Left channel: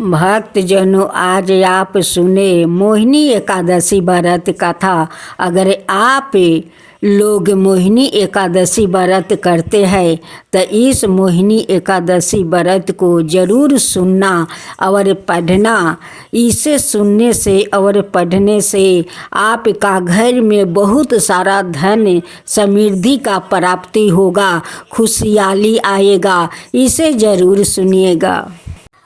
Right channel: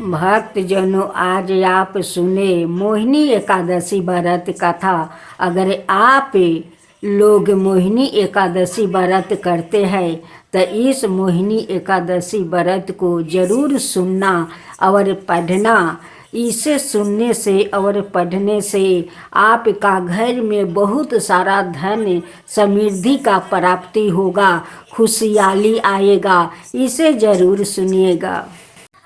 भक्तजनों, आज आप सुने मोहिनी एकादशी व्रत कथा। अगर आप लोग मोहिनी एकादशी व्रत करते हैं तो इस मोहिनी एकादशी व्रत को ज़रूर सुनना और पढ़ना। इसे सुनने से और पढ़ने से आपका घर में बहुत सारा धन समृद्धि का प्राप्ति होगा, खुशहाली आएगा। इसे ज़रूर सुनिएगा।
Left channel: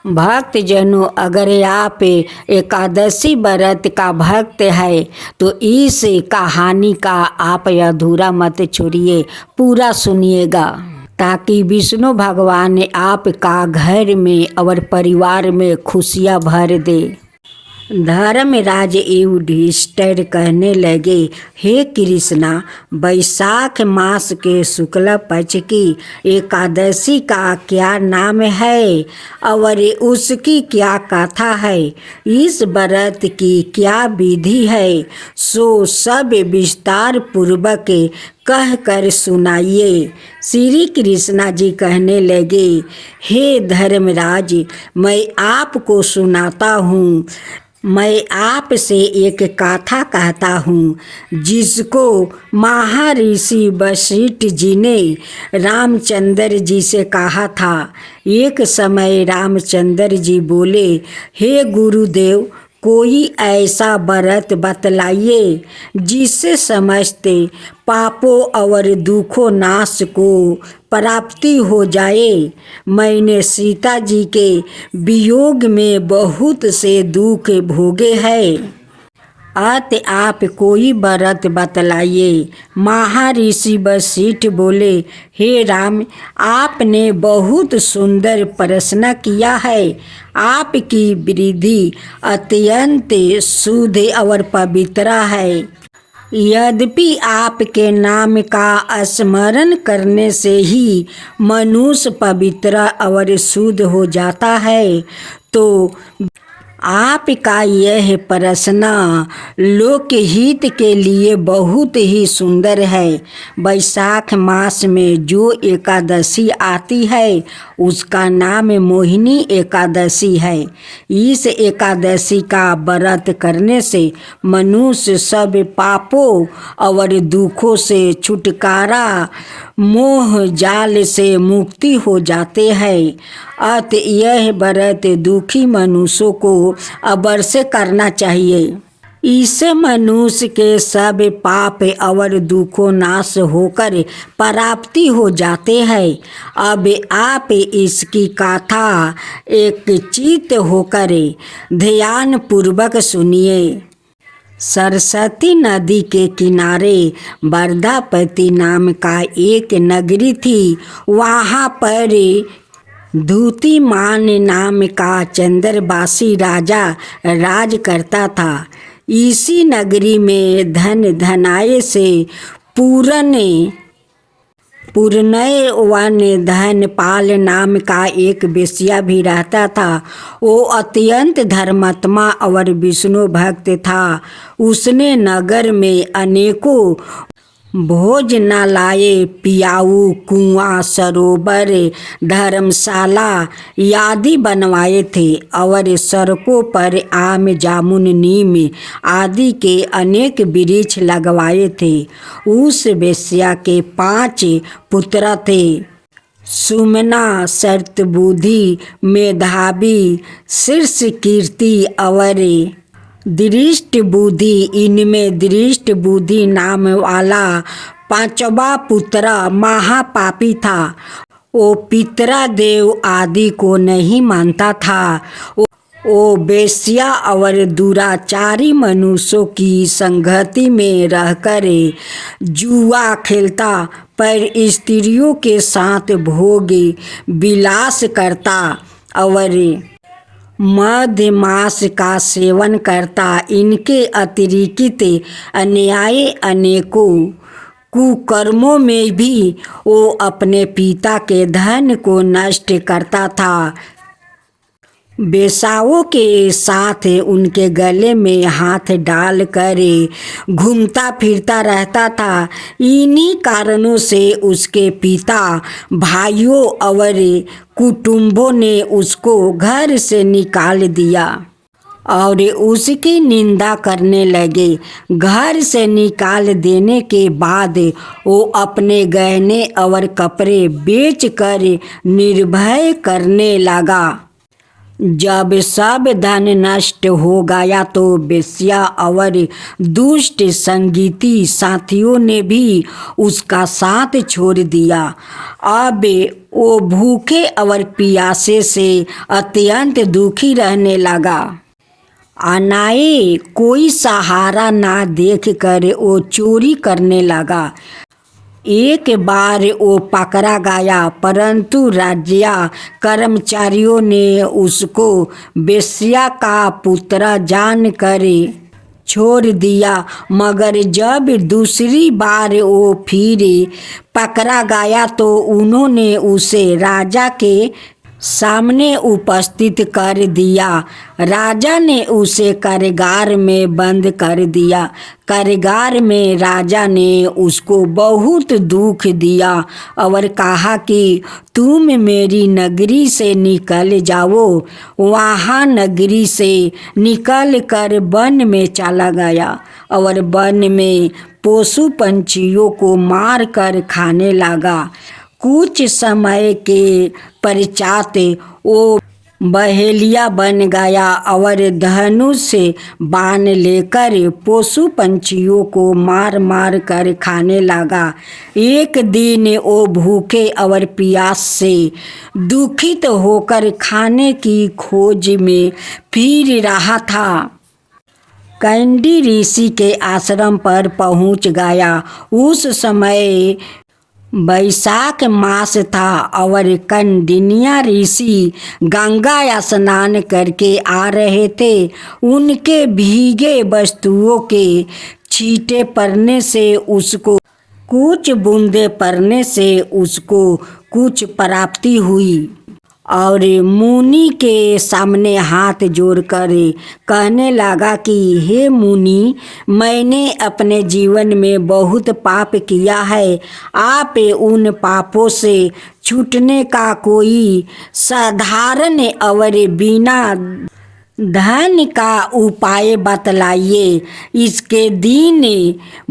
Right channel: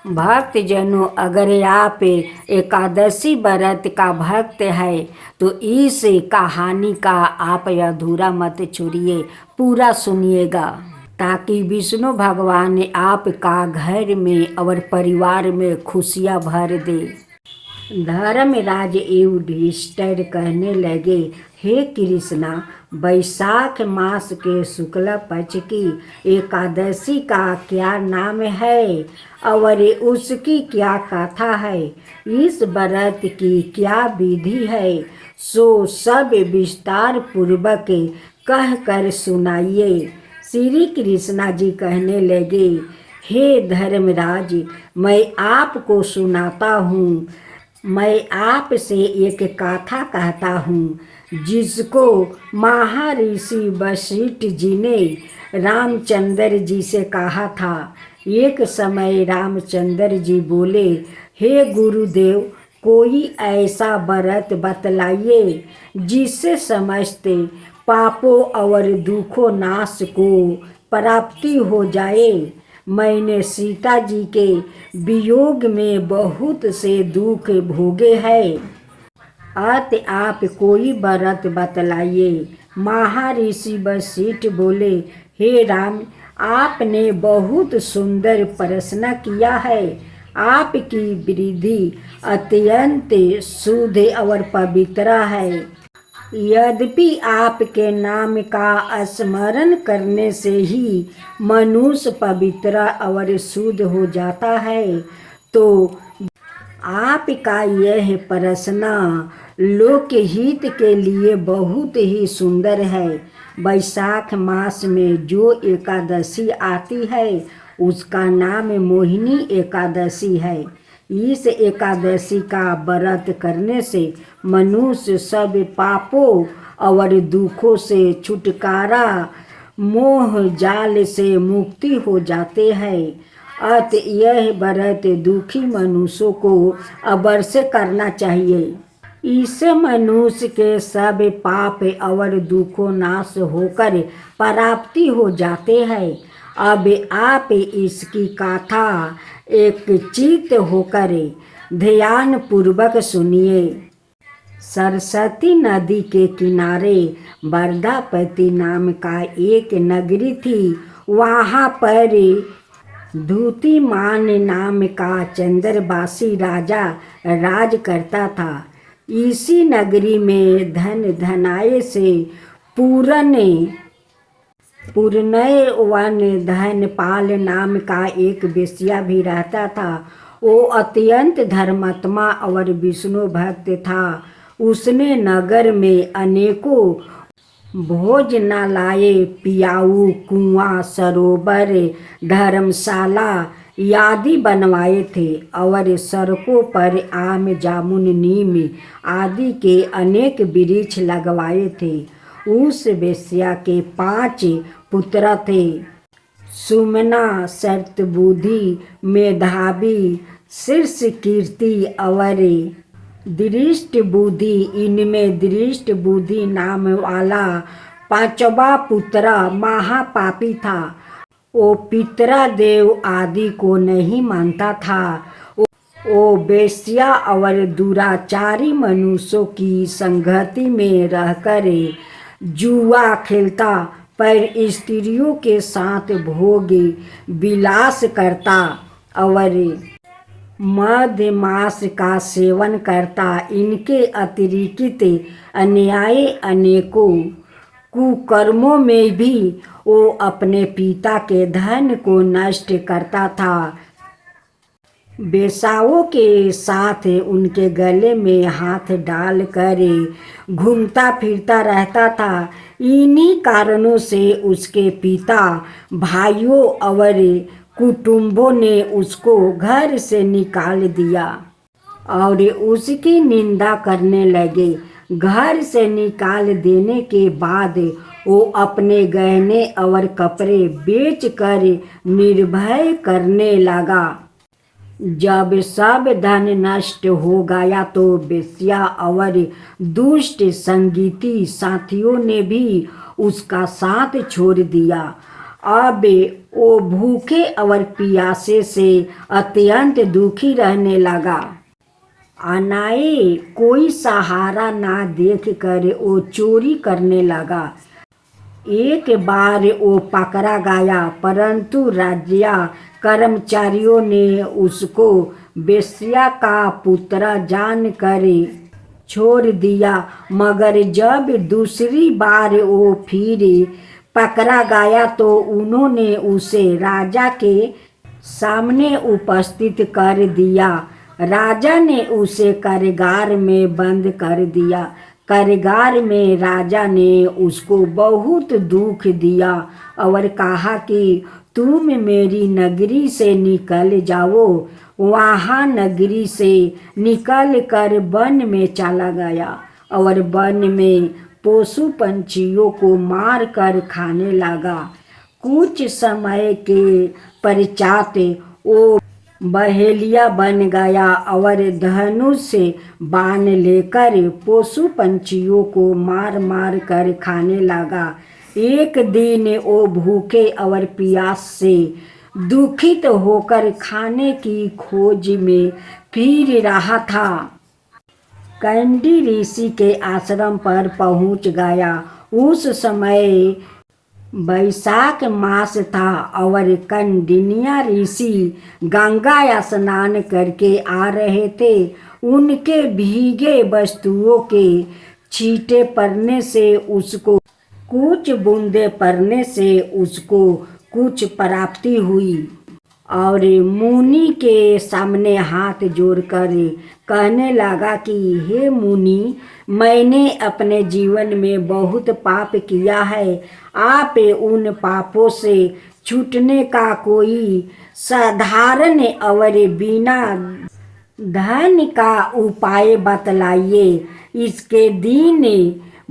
भक्तजनों, अगर आप एकादशी व्रत का भक्त है तो इस कहानी का आप अधूरा मत छोड़िए, पूरा सुनिएगा, ताकि विष्णु भगवान आपका घर में और परिवार में खुशियाँ भर दे। धर्मराज युधिष्ठिर कहने लगे, हे कृष्णा, वैशाख मास के शुक्ल पक्ष की एकादशी का क्या नाम है और उसकी क्या कथा है? इस व्रत की क्या विधि है? सो सब विस्तार पूर्वक कह कर सुनाइए। श्री कृष्णा जी कहने लगे, हे धर्मराज, मैं आपको सुनाता हूँ। मैं आपसे एक कथा कहता हूँ, जिसको महर्षि वशिष्ठ जी ने रामचंद्र जी से कहा था। एक समय रामचंद्र जी बोले, हे गुरुदेव, कोई ऐसा व्रत बतलाइए जिससे समस्त पापों और दुखों नाश को प्राप्ति हो जाए। मैंने सीता जी के वियोग में बहुत से दुख भोगे हैं, अत आप कोई व्रत बतलाइए। महर्षि वशिष्ठ बोले, हे राम, आपने बहुत सुंदर प्रश्न किया है। आपकी विधि अत्यंत शुद्ध और पवित्र है। यद्यपि आपके नाम का स्मरण करने से ही मनुष्य पवित्र और शुद्ध हो जाता है, तो आपका यह प्रश्न लोकहित के लिए बहुत ही सुंदर है। वैशाख मास में जो एकादशी आती है उसका नाम मोहिनी एकादशी है। इस एकादशी का व्रत करने से मनुष्य सब पापों और दुखों से छुटकारा, मोह जाल से मुक्ति हो जाते हैं। अत यह व्रत दुखी मनुष्यों को अवश्य करना चाहिए। इससे मनुष्य के सब पाप और दुखों नाश होकर प्राप्ति हो जाते हैं। अब आप इसकी कथा एक चित्त होकर ध्यान पूर्वक सुनिए। सरस्वती नदी के किनारे वर्धापति नाम का एक नगरी थी। वहाँ पर धूतिमान नाम का चंद्रवासी राजा राज करता था। इसी नगरी में धनाय से पूर्णयवन धनपाल नाम का एक वेश्या भी रहता था। वो अत्यंत धर्मात्मा और विष्णु भक्त था। उसने नगर में अनेकों भोजनालय, पियाऊ, कुआं, सरोवर, धर्मशाला आदि बनवाए थे और सड़कों पर आम, जामुन, नीम आदि के अनेक वृक्ष लगवाए थे। उस वेश्या के 5 पुत्र थे। सुमना, शर्तबुद्धि, मेधावी, शीर्ष कीर्ति और दृष्ट बुद्धि। इनमें दृष्ट बुद्धि नाम वाला 5वां पुत्र महापापी था। वो पितृदेव आदि को नहीं मानता था। वो वेश्या और दुराचारी मनुष्यों की संगति में रहकर जुआ खेलता, पर स्त्रियों के साथ भोग विलास करता और मधमांस का सेवन करता। इनके अतिरिक्त अन्याय अनेकों कुकर्मों में भी वो अपने पिता के धन को नष्ट करता था। बेसाओं के साथ उनके गले में हाथ डाल कर घूमता फिरता रहता था। इन्हीं कारणों से उसके पिता, भाइयों और कुटुंबों ने उसको घर से निकाल दिया और उसकी निंदा करने लगे। घर से निकाल देने के बाद वो अपने गहने और कपड़े बेचकर निर्भय करने लगा। जब सब धन नष्ट हो गया तो वेश्या और दुष्ट संगीती साथियों ने भी उसका साथ छोड़ दिया। अब वो भूखे और प्यासे से अत्यंत दुखी रहने लगा। अनाए कोई सहारा ना देख कर वो चोरी करने लगा। एक बार वो पकड़ा गया, परंतु राज्य कर्मचारियों ने उसको वेश्या का पुत्र जानकर छोड़ दिया। मगर जब दूसरी बार वो फिर पकड़ा गया तो उन्होंने उसे राजा के सामने उपस्थित कर दिया। राजा ने उसे कारागार में बंद कर दिया। कारागार में राजा ने उसको बहुत दुख दिया और कहा कि तुम मेरी नगरी से निकल जाओ। वहाँ नगरी से निकल कर वन में चला गया और वन में पशु पंछियों को मार कर खाने लगा। कुछ समय के पश्चात वो बहेलिया बन गया और धनुष से बाण लेकर पशु पंछियों को मार मार कर खाने लगा। एक दिन वो भूखे और प्यास से दुखित होकर खाने की खोज में फिर रहा था। कैंडी ऋषि के आश्रम पर पहुंच गया। उस समय वैशाख मास था और कौंडिन्य ऋषि गंगा स्नान करके आ रहे थे। उनके भीगे वस्तुओं के छींटे पड़ने से उसको कुछ बूंदे पड़ने से उसको कुछ प्राप्ति हुई और मुनि के सामने हाथ जोड़कर कहने लगा कि हे मुनि, मैंने अपने जीवन में बहुत पाप किया है। आप उन पापों से छूटने का कोई साधारण और बिना धन का उपाय बतलाइए। इसके दीन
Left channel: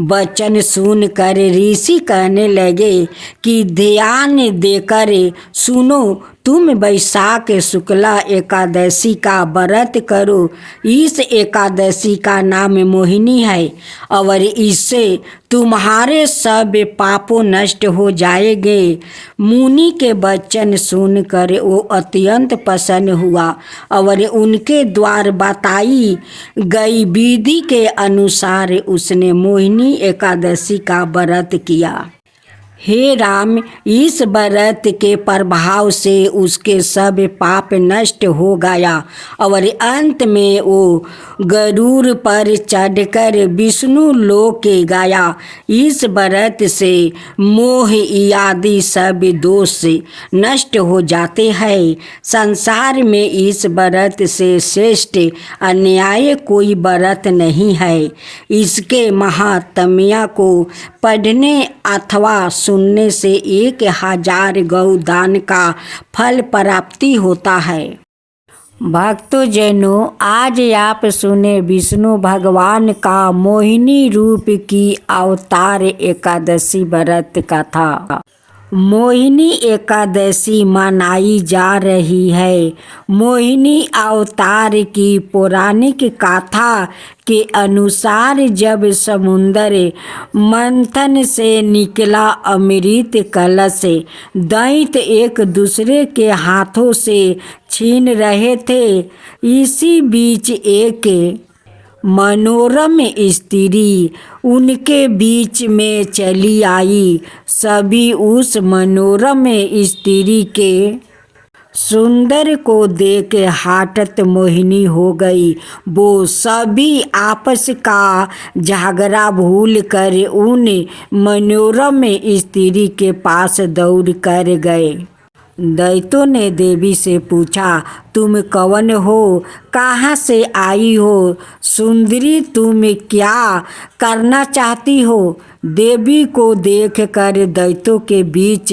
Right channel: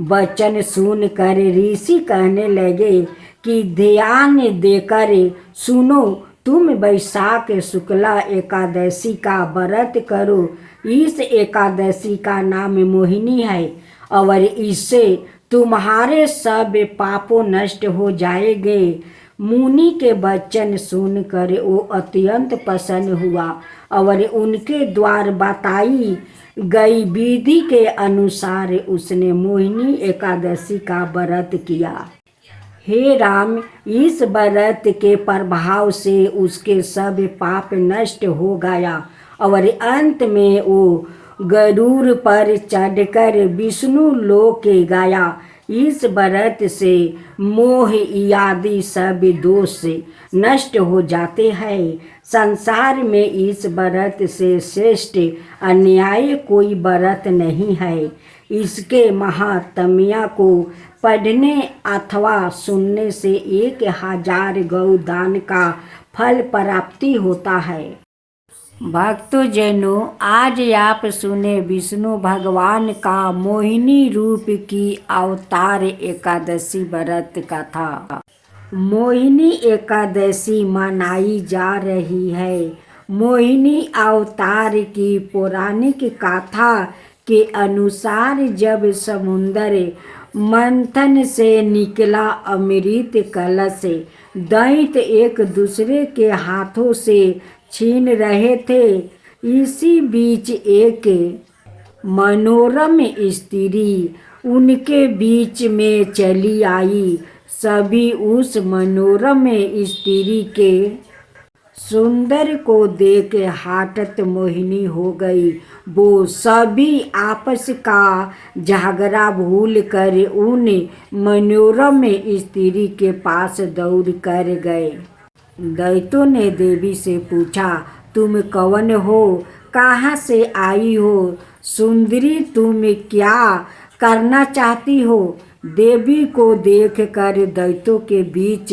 वचन सुनकर ऋषि कहने लगे कि ध्यान देकर सुनो, तुम वैशाख शुक्ला एकादशी का व्रत करो। इस एकादशी का नाम मोहिनी है और इससे तुम्हारे सब पापों नष्ट हो जाएंगे। मुनि के वचन सुनकर वो अत्यंत प्रसन्न हुआ और उनके द्वारा बताई गई विधि के अनुसार उसने मोहिनी एकादशी का व्रत किया। हे राम, इस व्रत के प्रभाव से उसके सब पाप नष्ट हो गया और अंत में वो गरुड़ पर चढ़कर विष्णु लोक गया। इस व्रत से मोह आदि सब दोष नष्ट हो जाते हैं। संसार में इस व्रत से श्रेष्ठ अन्याय कोई व्रत नहीं है। इसके महात्म्य को पढ़ने अथवा सुनने से 1000 गौदान का फल प्राप्ति होता है। भक्तों जनों, आज आप सुने विष्णु भगवान का मोहिनी रूप की अवतार एकादशी व्रत कथा। मोहिनी एकादशी मनाई जा रही है। मोहिनी अवतार की पौराणिक कथा के अनुसार जब समुद्र मंथन से निकला अमृत कलश दैत्य एक दूसरे के हाथों से छीन रहे थे। इसी बीच एक मनोरम स्त्री उनके बीच में चली आई। सभी उस मनोरम स्त्री के सुंदर को देख हठत मोहिनी हो गई। वो सभी आपस का झगड़ा भूल कर उन मनोरम स्त्री के पास दौड़ कर गए। दैत्यों ने देवी से पूछा, तुम कौन हो, कहाँ से आई हो, सुंदरी तुम क्या करना चाहती हो। देवी को देखकर दैत्यों के बीच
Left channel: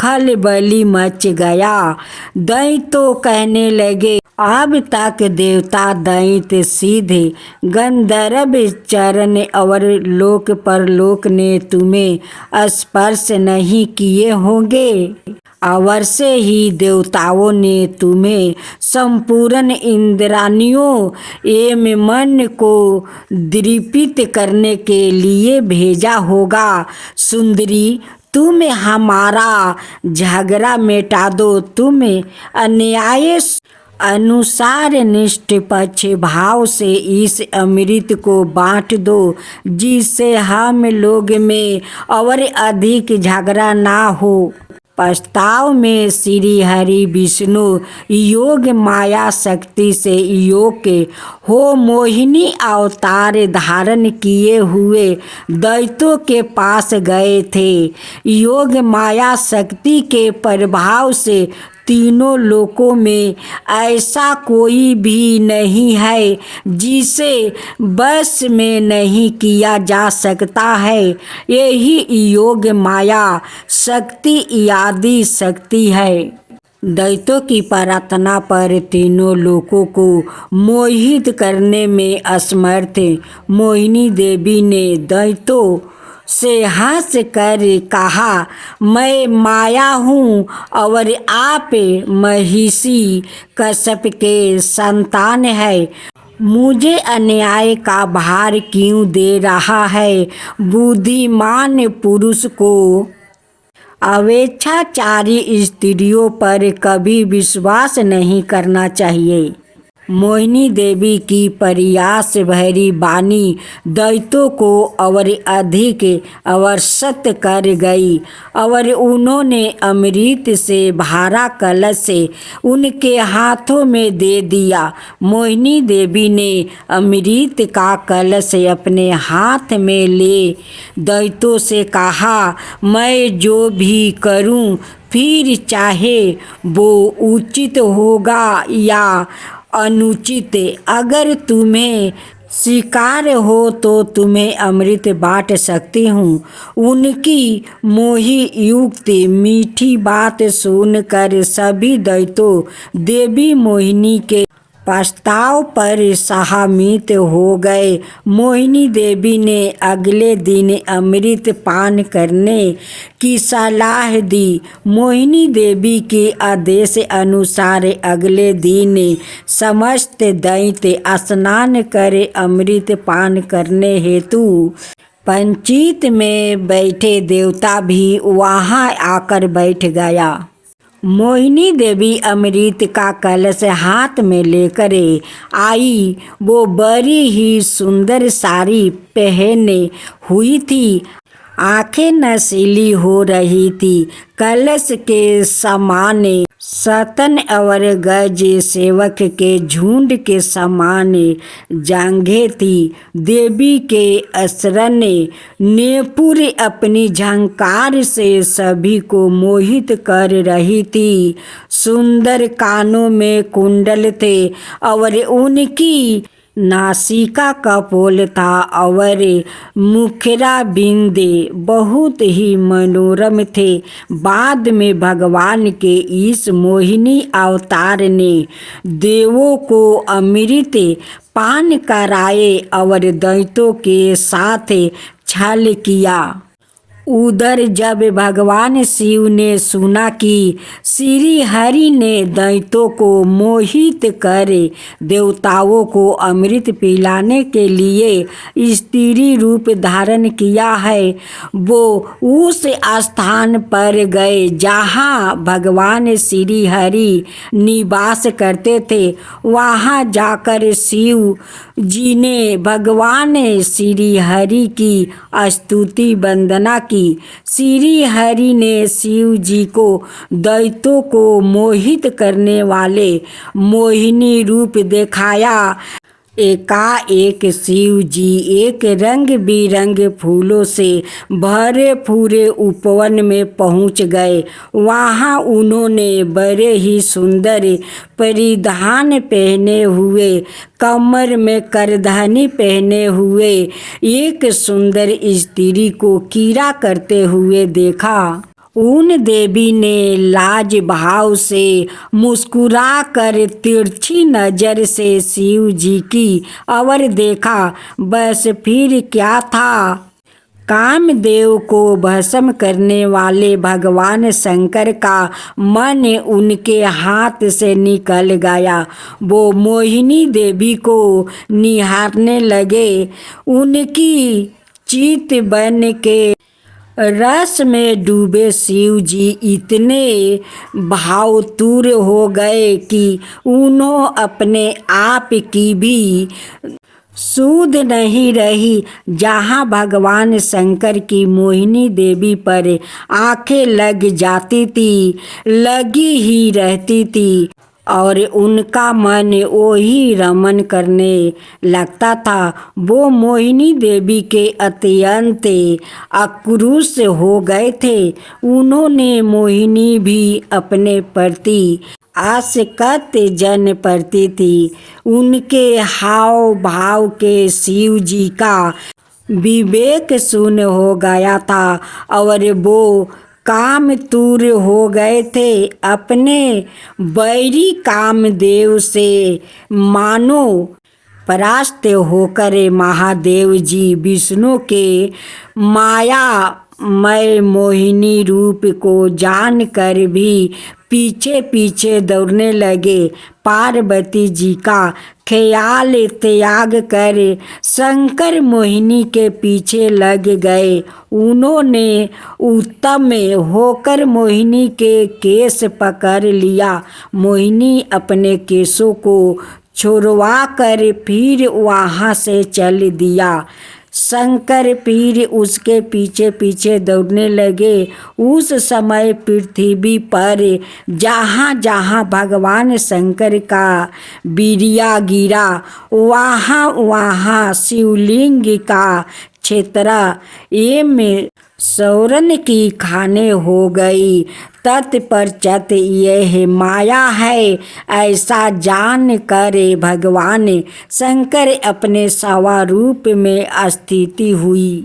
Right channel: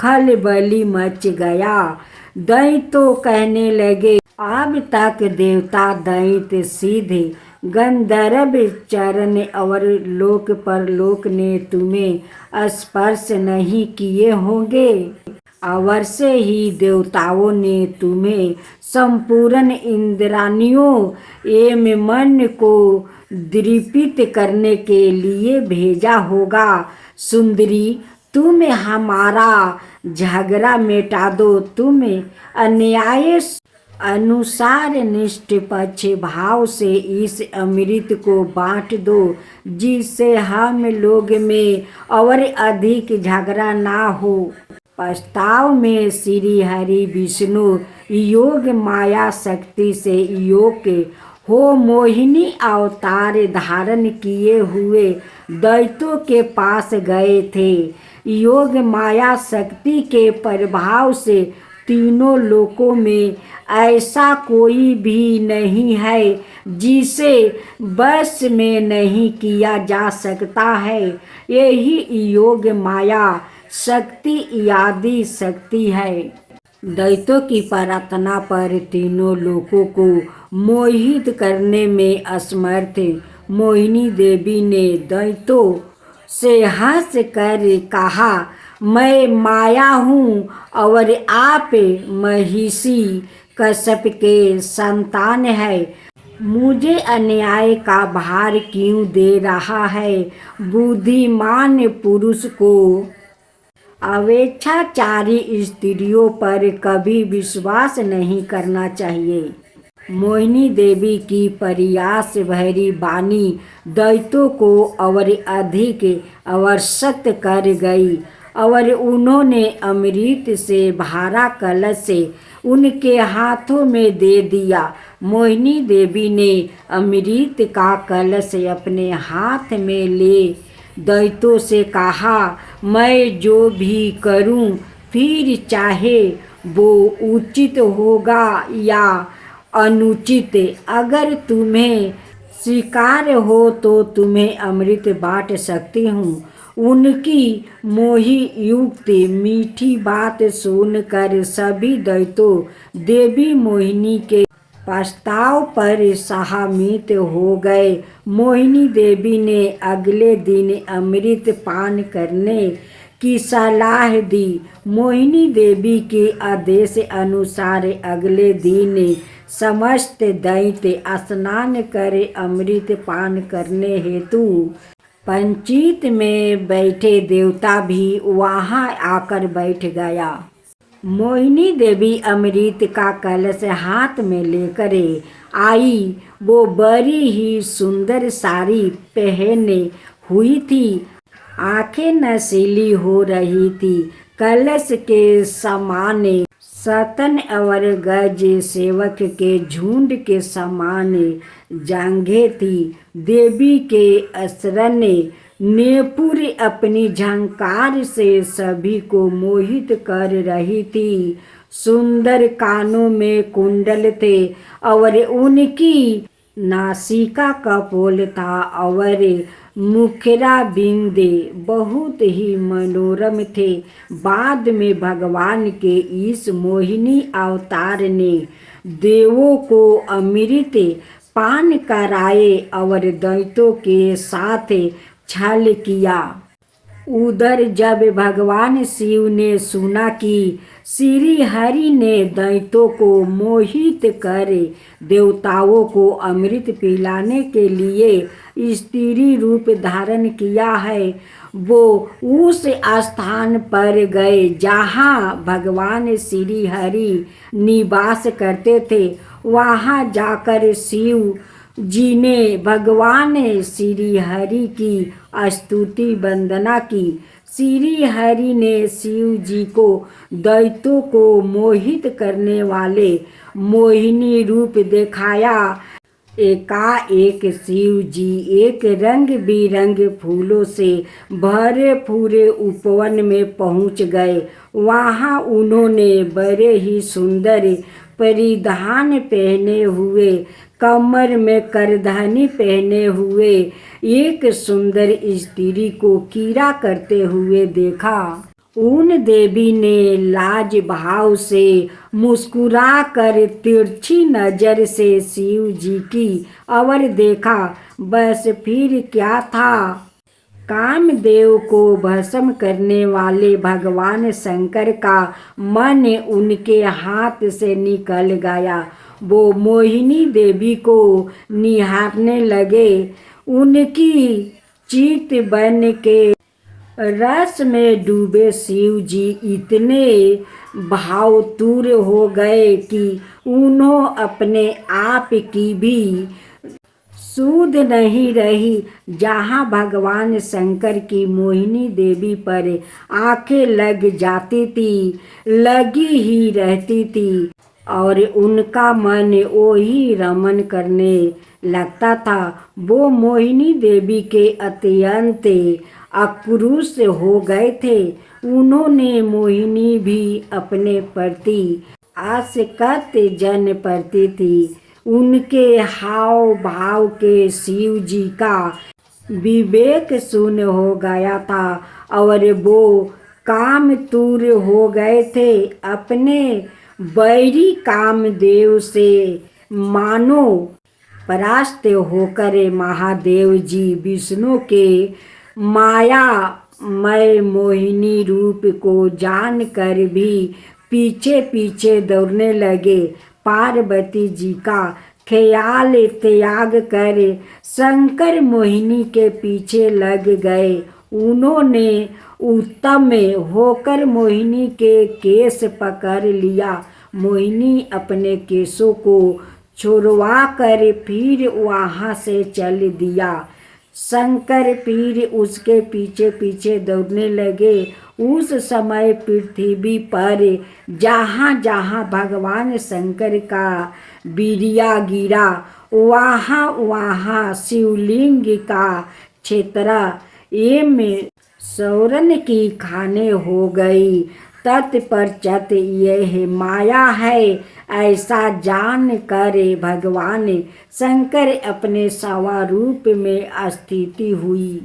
खलबली मच गया। दैत्य कहने लगे, अब तक देवता दैत्य सीधे गंधर्व चरण और लोक परलोक ने तुम्हें स्पर्श नहीं किए होंगे। अवश्य ही देवताओं ने तुम्हें संपूर्ण इंद्रानियों एवं मन को दीपित करने के लिए भेजा होगा। सुंदरी, तुम हमारा झगड़ा मिटा दो, तुम अन्याय अनुसार निष्पक्ष भाव से इस अमृत को बांट दो, जिससे हम लोग में और अधिक झगड़ा ना हो। प्रस्ताव में श्री हरि विष्णु योग माया शक्ति से योग के हो मोहिनी अवतार धारण किए हुए दैत्यों के पास गए थे। योग माया शक्ति के प्रभाव से तीनों लोकों में ऐसा कोई भी नहीं है जिसे बस में नहीं किया जा सकता है। यही योग माया शक्ति आदि शक्ति है। दैत्यों की प्रार्थना पर तीनों लोगों को मोहित करने में असमर्थ मोहिनी देवी ने दैत्यों से हंस कर कहा, मैं माया हूँ और आप महिषी कश्यप के संतान है। मुझे अन्याय का भार क्यों दे रहा है। बुद्धिमान पुरुष को अवेच्छाचारी स्त्रियों पर कभी विश्वास नहीं करना चाहिए। मोहिनी देवी की प्रयास भरी वाणी दैत्यों को और अधिक अवशत कर गई और उन्होंने अमृत से भरा कलश से उनके हाथों में दे दिया। मोहिनी देवी ने अमृत का कलश अपने हाथ में ले दैत्यों से कहा, मैं जो भी करूं फिर चाहे वो उचित होगा या अनुचित, अगर तुम्हें स्वीकार हो तो तुम्हें अमृत बांट सकती हूँ। उनकी मोही युक्त मीठी बात सुनकर सभी दैत्यों देवी मोहिनी के प्रस्ताव पर सहमत हो गए। मोहिनी देवी ने अगले दिन अमृत पान करने की सलाह दी। मोहिनी देवी के आदेश अनुसार अगले दिन समस्त दैत्य स्नान कर अमृत पान करने हेतु पंचित में बैठे। देवता भी वहां आकर बैठ गया। मोहिनी देवी अमृत का कलश हाथ में लेकर आई। वो बड़ी ही सुंदर साड़ी पहने हुई थी, आंखें नशीली हो रही थी। कलश के समान सतन और गज सेवक के झुंड के समान जांघें थी। देवी के असरण नेपुर अपनी झंकार से सभी को मोहित कर रही थी। सुंदर कानों में कुंडल थे और उनकी नासिका कपोल था और मुखरा बिंदे बहुत ही मनोरम थे। बाद में भगवान के इस मोहिनी अवतार ने देवों को अमृत पान कराए और दैत्यों के साथ छल किया। उधर जब भगवान शिव ने सुना कि श्री हरि ने दैत्यों को मोहित कर देवताओं को अमृत पिलाने के लिए स्त्री रूप धारण किया है, वो उस स्थान पर गए जहाँ भगवान श्री हरि निवास करते थे। वहाँ जाकर शिव जी ने भगवान श्री हरि की स्तुति वंदना की। श्री हरि ने शिव जी को दैत्यों को मोहित करने वाले मोहिनी रूप दिखाया। एकाएक शिव जी एक रंग बिरंग फूलों से भरे पूरे उपवन में पहुंच गए। वहां उन्होंने बड़े ही सुंदर परिधान पहने हुए, कमर में करधनी पहने हुए एक सुंदर स्त्री को कीड़ा करते हुए देखा। उन देवी ने लाज भाव से मुस्कुरा कर तिरछी नजर से शिव जी की और देखा। बस फिर क्या था, कामदेव को भस्म करने वाले भगवान शंकर का मन उनके हाथ से निकल गया। वो मोहिनी देवी को निहारने लगे। उनकी चित बन के रस में डूबे शिव जी इतने भावतुर हो गए कि उन्हों अपने आप की भी सूध नहीं रही। जहाँ भगवान शंकर की मोहिनी देवी पर आंखें लग जाती थी, लगी ही रहती थी और उनका मन वही रमन करने लगता था। वो मोहिनी देवी के अत्यंत आक्रोश हो गए थे। उन्होंने मोहिनी भी अपने प्रति आसक्त जन पड़ती थी। उनके हाव भाव के शिव जी का विवेक शून्य हो गया था और वो कामतुर हो गए थे। अपने बैरी कामदेव से मानो परास्त होकर महादेव जी विष्णु के मायामय मोहिनी रूप को जानकर भी पीछे पीछे दौड़ने लगे। पार्वती जी का ख्याल त्याग कर शंकर मोहिनी के पीछे लग गए। उन्होंने उत्तम होकर मोहिनी के केस पकड़ लिया। मोहिनी अपने केसों को छुड़वा कर फिर वहाँ से चल दिया। शंकर फिर उसके पीछे पीछे दौड़ने लगे। उस समय पृथ्वी पर जहाँ जहाँ भगवान शंकर का बीरिया गिरा, वहाँ वहाँ शिवलिंग का क्षेत्र एवं सौरन की खाने हो गई। तत्पश्चात यह माया है ऐसा जान कर भगवान शंकर अपने स्वरूप में स्थिति हुई।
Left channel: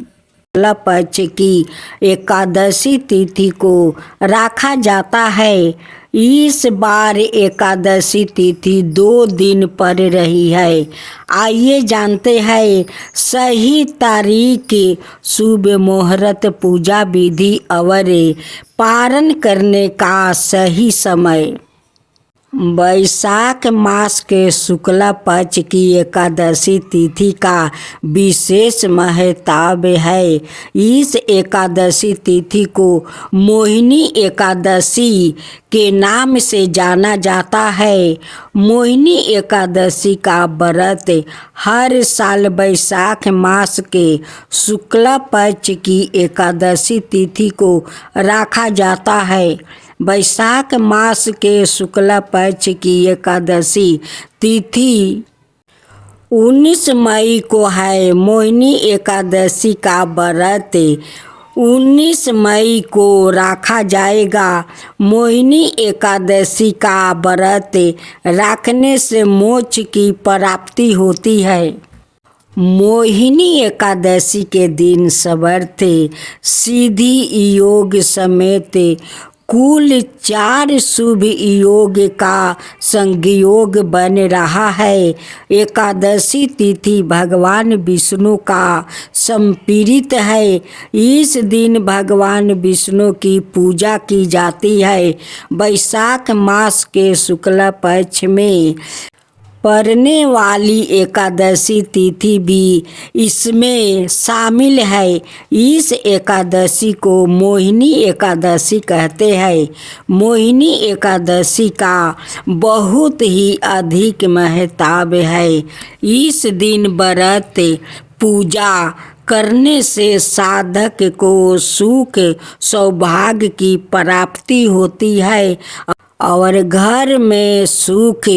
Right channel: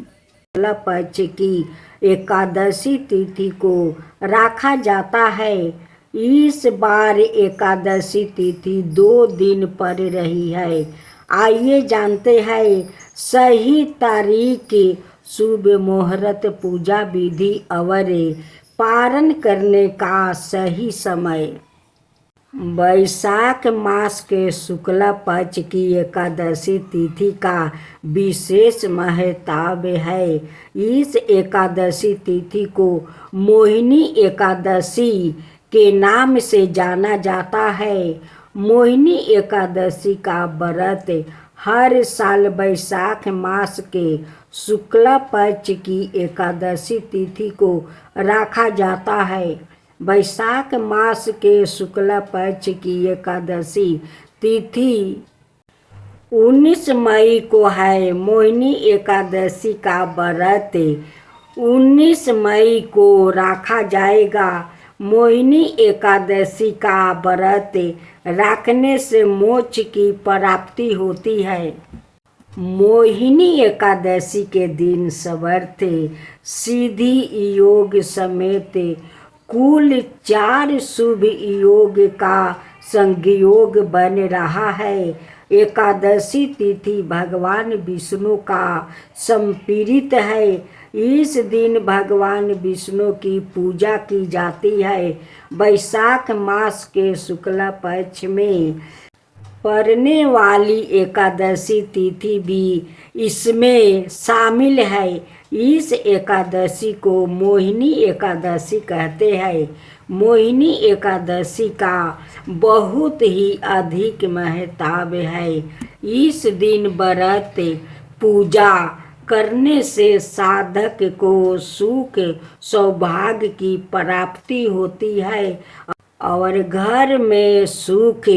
शुक्ल पक्ष की एकादशी तिथि को रखा जाता है। इस बार एकादशी तिथि 2 दिन पर रही है। आइए जानते हैं सही तारीख, शुभ मुहूर्त, पूजा विधि और पारण करने का सही समय। वैशाख मास के शुक्ल पक्ष की एकादशी तिथि का विशेष महत्व है। इस एकादशी तिथि को मोहिनी एकादशी के नाम से जाना जाता है। मोहिनी एकादशी का व्रत हर साल वैशाख मास के शुक्ल पक्ष की एकादशी तिथि को रखा जाता है। वैशाख मास के शुक्ल पक्ष की एकादशी तिथि 19 मई को है। मोहिनी एकादशी का व्रत 19 मई को रखा जाएगा। मोहिनी एकादशी का व्रत रखने से मोक्ष की प्राप्ति होती है। मोहिनी एकादशी के दिन समर्थ सिद्धि योग समेत कुल 4 शुभ योग का संयोग बन रहा है। एकादशी तिथि भगवान विष्णु का समर्पित है। इस दिन भगवान विष्णु की पूजा की जाती है। वैशाख मास के शुक्ल पक्ष में पड़ने वाली एकादशी तिथि भी इसमें शामिल है। इस एकादशी को मोहिनी एकादशी कहते हैं। मोहिनी एकादशी का बहुत ही अधिक महत्व है। इस दिन व्रत पूजा करने से साधक को सुख सौभाग्य की प्राप्ति होती है और घर में सुख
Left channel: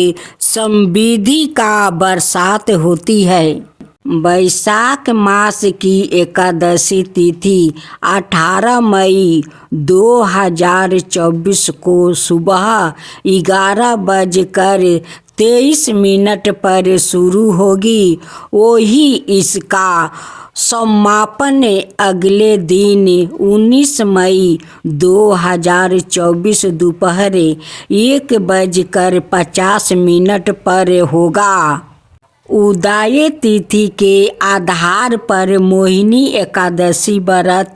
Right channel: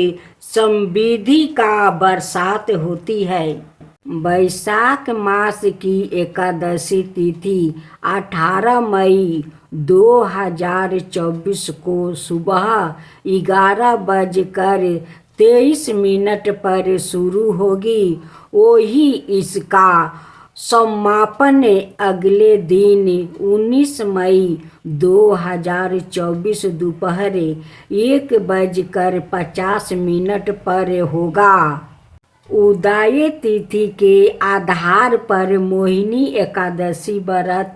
समृद्धि का बरसात होती है। वैशाख मास की एकादशी तिथि 18 मई 2024 को सुबह 11:23 पर शुरू होगी। वही इसका समापन अगले दिन 19 मई 2024 दोपहर 1:50 पर होगा। उदय तिथि के आधार पर मोहिनी एकादशी व्रत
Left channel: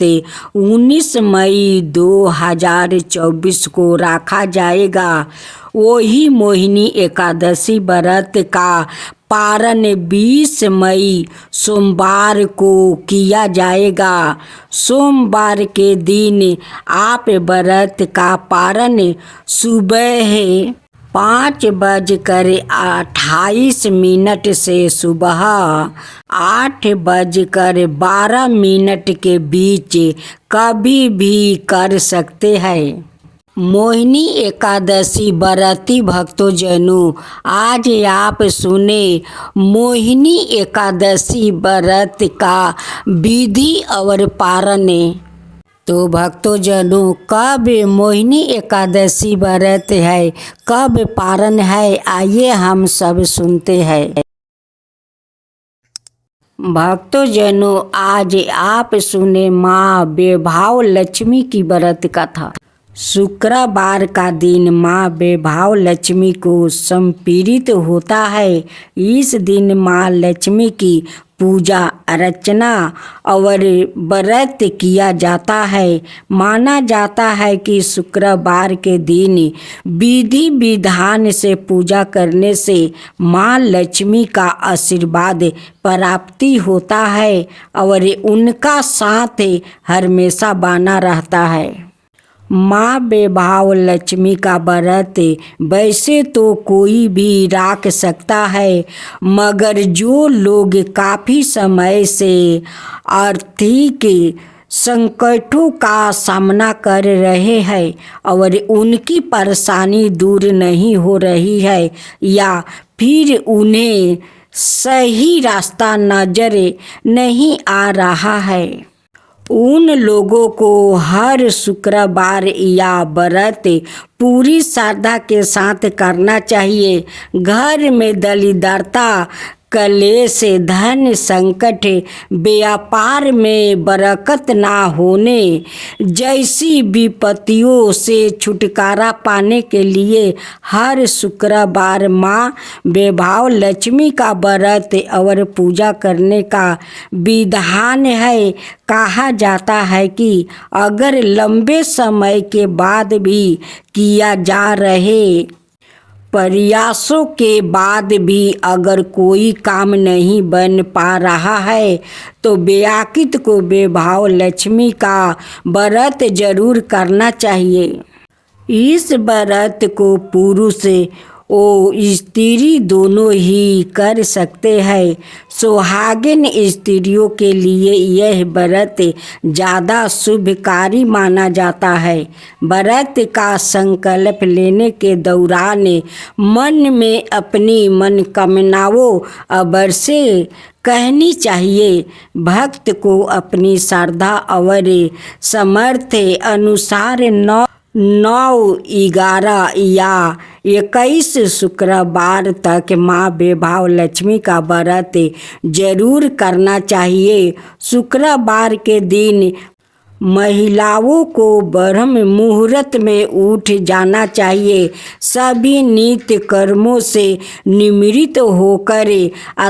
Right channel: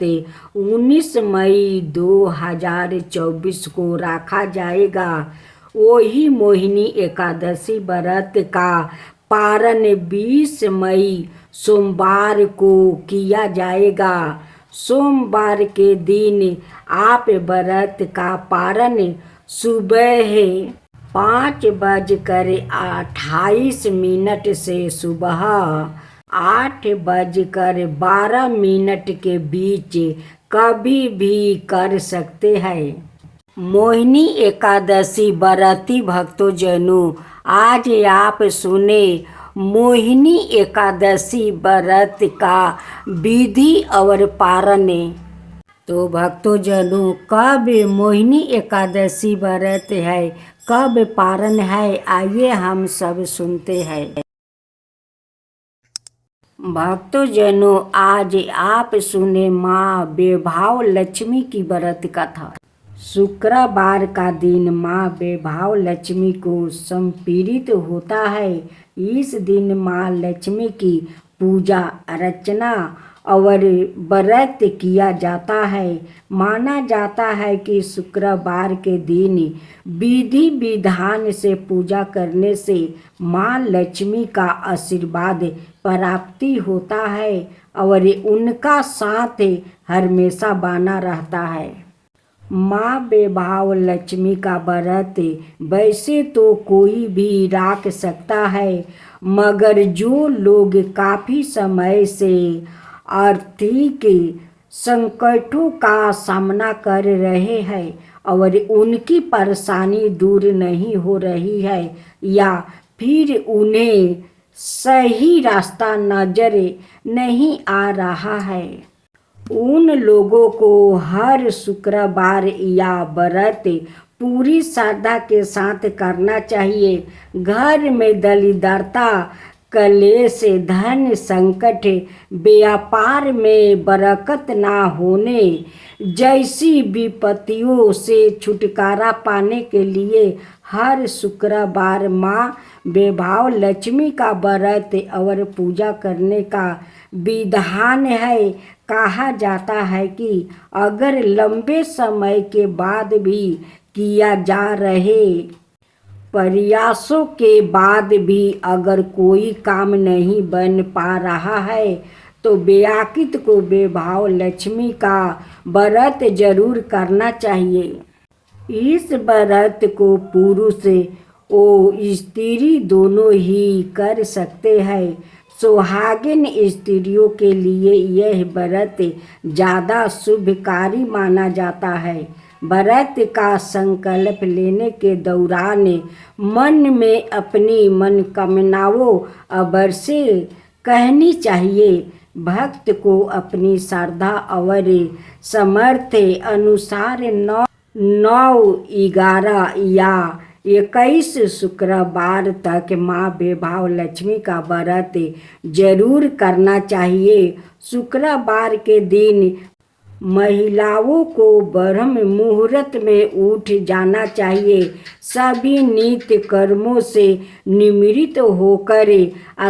19 मई 2024 को रखा जाएगा। वही मोहिनी एकादशी व्रत का पारण 20 मई सोमवार को किया जाएगा। सोमवार के दिन आप व्रत का पारण सुबह 5:28 से सुबह 8:12 के बीच कभी भी कर सकते हैं। मोहिनी एकादशी व्रती भक्तजनों, आज आप सुने मोहिनी एकादशी व्रत का विधि और पारण। तो भक्तजनों, कब मोहिनी एकादशी व्रत है, कब पारण है, आइए हम सब सुनते हैं। भक्तजनों, आज आप सुने माँ वैभव लक्ष्मी की व्रत कथा। शुक्रवार का दिन माँ वैभव लक्ष्मी को समर्पित होता है। इस दिन माँ लक्ष्मी की पूजा अर्चना और व्रत किया जाता है। माना जाता है कि शुक्रवार के दिन विधि विधान से पूजा करने से माँ लक्ष्मी का आशीर्वाद प्राप्ति होता है और उनका साथ हमेशा बना रहता है। माँ वैभव लक्ष्मी का व्रत वैसे तो कोई भी रख सकता है, मगर जो लोग काफ़ी समय से आर्थिक संकटों का सामना कर रहे हैं और उनकी परेशानी दूर नहीं हो रही है, या फिर उन्हें सही रास्ता नजर नहीं आ रहा है, उन लोगों को हर शुक्रवार या व्रत पूरी श्रद्धा के साथ करना चाहिए। घर में दरिद्रता, कलेश, धन संकट, व्यापार में बरकत ना होने जैसी विपत्तियों से छुटकारा पाने के लिए हर शुक्रवार माँ वैभव लक्ष्मी का व्रत और पूजा करने का विधान है। कहा जाता है कि अगर लंबे समय के बाद भी किया जा रहे प्रयासों के बाद भी अगर कोई काम नहीं बन पा रहा है, तो व्याकित को वैभव लक्ष्मी का व्रत जरूर करना चाहिए। इस व्रत को पुरुष और स्त्री दोनों ही कर सकते हैं। सुहागिन स्त्रियों के लिए यह व्रत ज़्यादा शुभकारी माना जाता है। व्रत का संकल्प लेने के दौरान मन में अपनी मनोकामनाओं अवश्य कहनी चाहिए। भक्त को अपनी श्रद्धा और सामर्थ्य अनुसार 9, 11 या 21 शुक्रवार तक माँ वैभव लक्ष्मी का व्रत जरूर करना चाहिए। शुक्रवार के दिन महिलाओं को ब्रह्म मुहूर्त में उठ जाना चाहिए। सभी नित्य कर्मों से निवृत्त होकर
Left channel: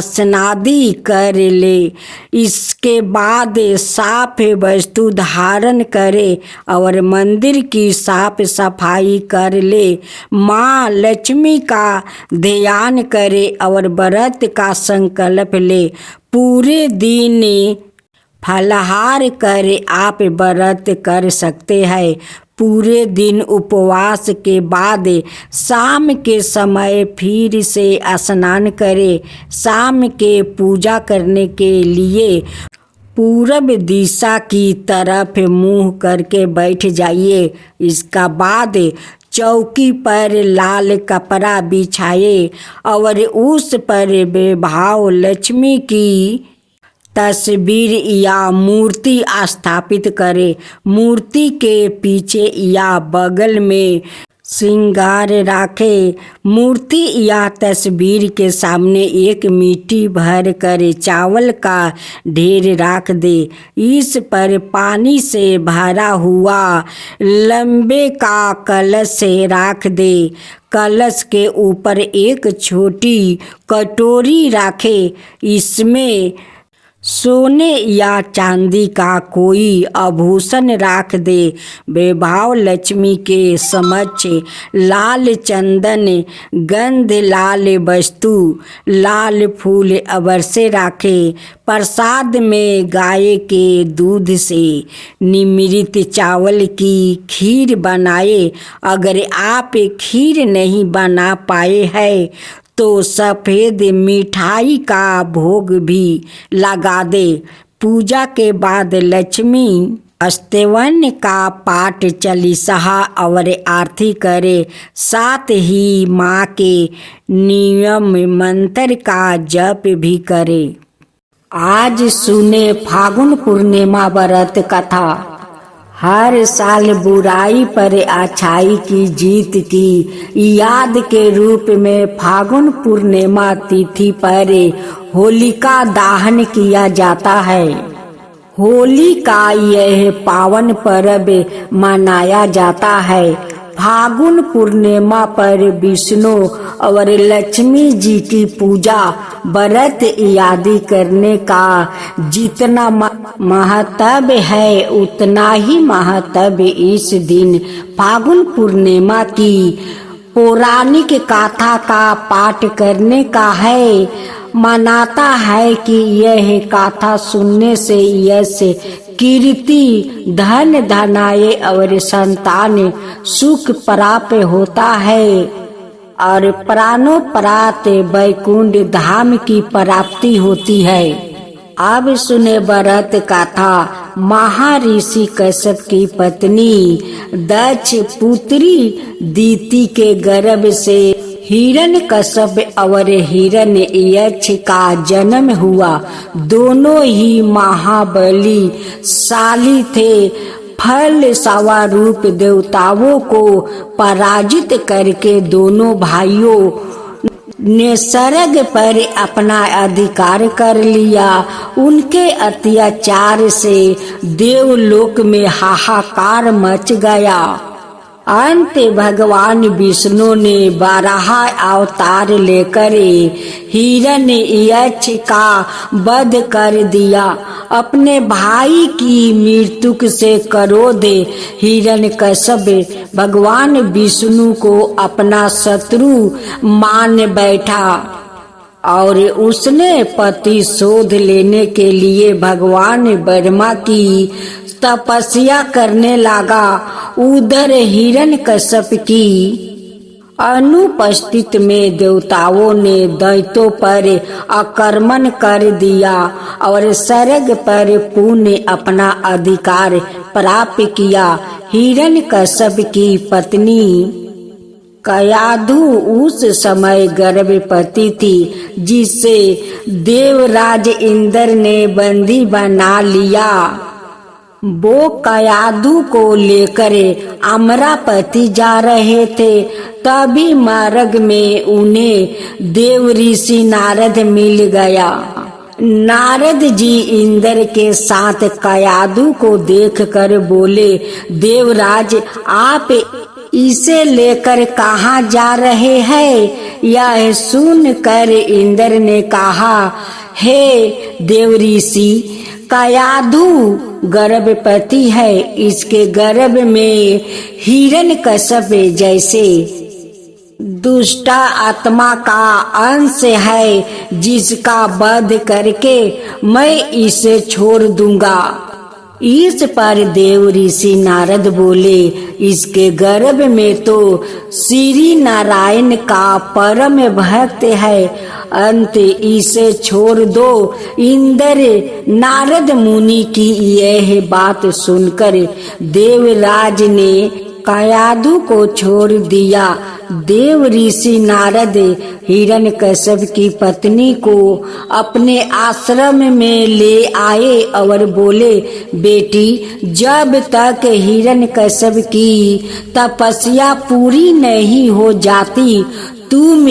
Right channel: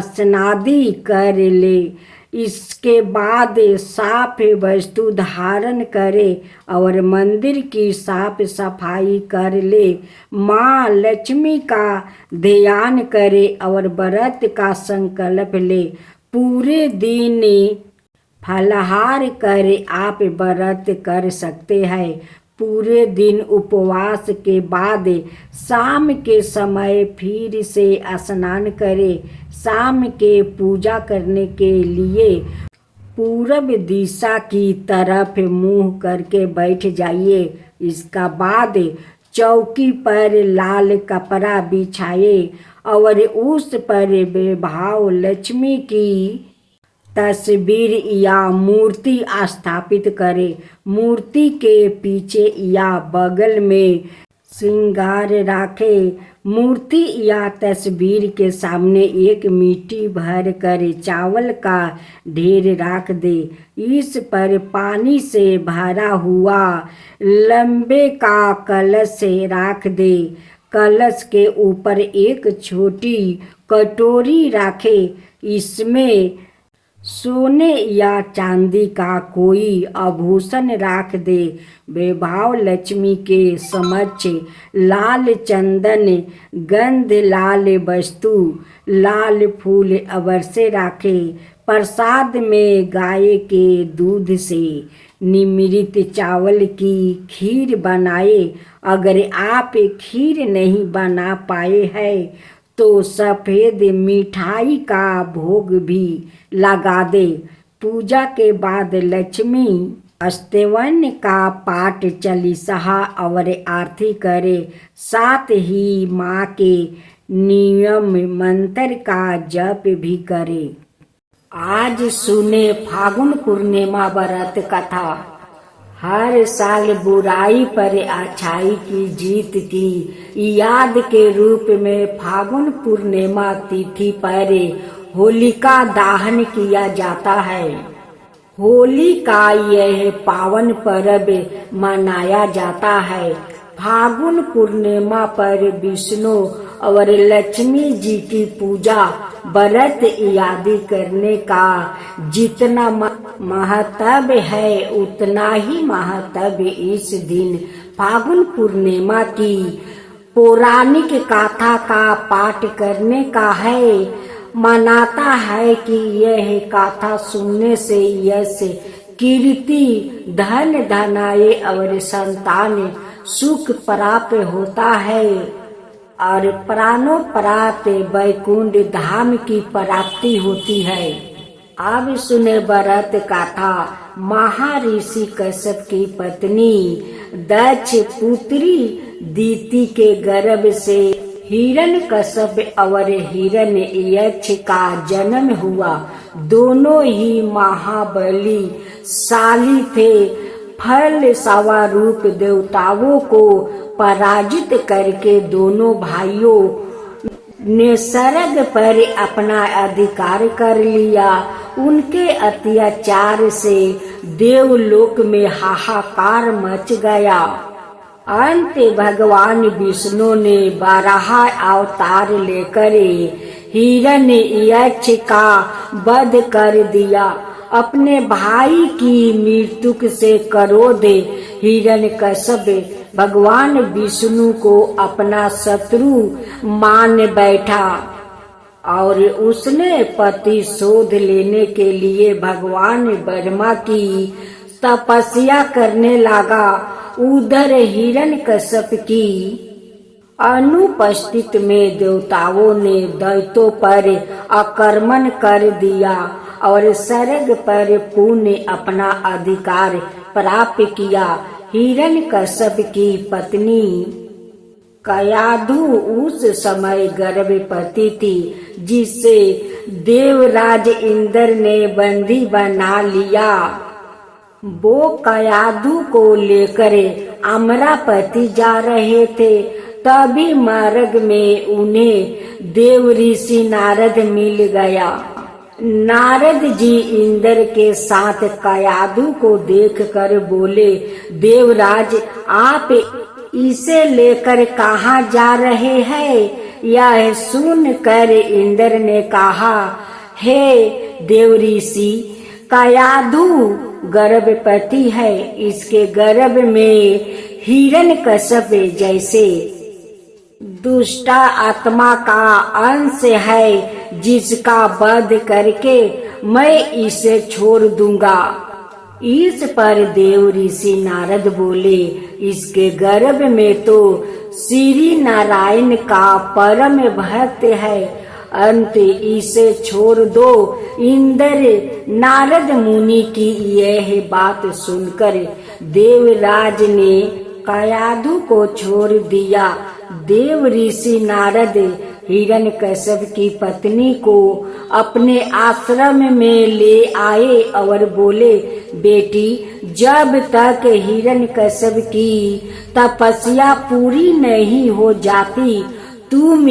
स्नादि कर ले। इसके बाद साफ वस्तु धारण करे और मंदिर की साफ सफाई कर ले। माँ लक्ष्मी का ध्यान करे और व्रत का संकल्प ले। पूरे दिन फलाहार कर आप व्रत कर सकते हैं। पूरे दिन उपवास के बाद शाम के समय फिर से स्नान करें। शाम के पूजा करने के लिए पूरब दिशा की तरफ मुंह करके बैठ जाइए। इसका बाद चौकी पर लाल कपड़ा बिछाए और उस पर बेभाव लक्ष्मी की तस्वीर या मूर्ति स्थापित करे। मूर्ति के पीछे या बगल में श्रृंगार रखे। मूर्ति या तस्वीर के सामने एक मिट्टी भर कर चावल का ढेर रख दे। इस पर पानी से भरा हुआ लंबे का कलश रख दे। कलश के ऊपर एक छोटी कटोरी रखे। इसमें सोने या चांदी का कोई आभूषण रख दे। वैभव लक्ष्मी के समक्ष लाल चंदन, गंध लाल वस्तु, लाल फूल अवश्य रखे। प्रसाद में गाय के दूध से निर्मित चावल की खीर बनाए। अगर आप खीर नहीं बना पाए हैं तो सफ़ेद मिठाई का भोग भी लगा दे। पूजा के बाद लक्ष्मी स्तवन का पाठ, चालीसा और आरती करे। साथ ही माँ के नियम मंत्र का जप भी करे। आज सुने फागुन पूर्णिमा व्रत कथा। हर साल बुराई पर अच्छाई की जीत की याद के रूप में फागुन पूर्णिमा तिथि पर होलिका दहन किया जाता है। होली का यह पावन पर्व मनाया जाता है। फागुन पूर्णिमा पर विष्णु और लक्ष्मी जी की पूजा, व्रत आदि करने का जितना महत्व है उतना ही महत्व इस दिन फागुन पूर्णिमा की पौराणिक कथा का पाठ करने का है। मनाता है कि यह कथा सुनने से यश, कीर्ति, धन धनाय और संतान सुख प्राप्त होता है और प्राणोपरात वैकुंठ धाम की प्राप्ति होती है। अब सुने व्रत कथा। महर्षि कश्यप की पत्नी दक्ष पुत्री दीति के गर्भ से हिरण्यकश्यप और हिरण्ययक्ष का जन्म हुआ। दोनों ही महाबलीशाली थे। फल स्वरूप देवताओं को पराजित करके दोनों भाइयों ने स्वर्ग पर अपना अधिकार कर लिया। उनके अत्याचार से देवलोक में हाहाकार मच गया। अंत भगवान विष्णु ने बारह अवतार लेकर हिरण्ययक्ष का वध कर दिया। अपने भाई की मृत्यु से क्रोध हिरण्यकश्यप भगवान विष्णु को अपना शत्रु मान बैठा और उसने प्रतिशोध लेने के लिए भगवान ब्रह्मा की तपस्या करने लगा। उधर हिरण्यकश्यप की अनुपस्थित में देवताओं ने दैत्यों पर आक्रमण कर दिया और स्वर्ग पर पुनः अपना अधिकार प्राप्त किया। हिरण्यकश्यप की पत्नी कयाधु उस समय गर्भवती थी, जिसे देवराज इंद्र ने बंदी बना लिया। वो कयाधु को लेकर अमरावती जा रहे थे। तभी मार्ग में उन्हें देव ऋषि नारद मिल गया। नारद जी इंद्र के साथ कयाधु को देखकर बोले, देवराज आप इसे लेकर कहाँ जा रहे हैं? यह सुनकर इंद्र ने कहा, हे देव ऋषि, कयाधु गर्भवती है। इसके गर्भ में हिरण्यकश्यप जैसे दुष्ट आत्मा का अंश है, जिसका वध करके मैं इसे छोड़ दूंगा। इस पर देव ऋषि नारद बोले, इसके गर्भ में तो श्री नारायण का परम भक्त है, अंत इसे छोड़ दो। इंद्र नारद मुनि की यह बात सुनकर देवराज ने कयाधु को छोड़ दिया। देव ऋषि नारद हिरण्यकश्यप की पत्नी को अपने आश्रम में ले आए और बोले, बेटी, जब तक हिरण्यकश्यप की तपस्या पूरी नहीं हो जाती तुम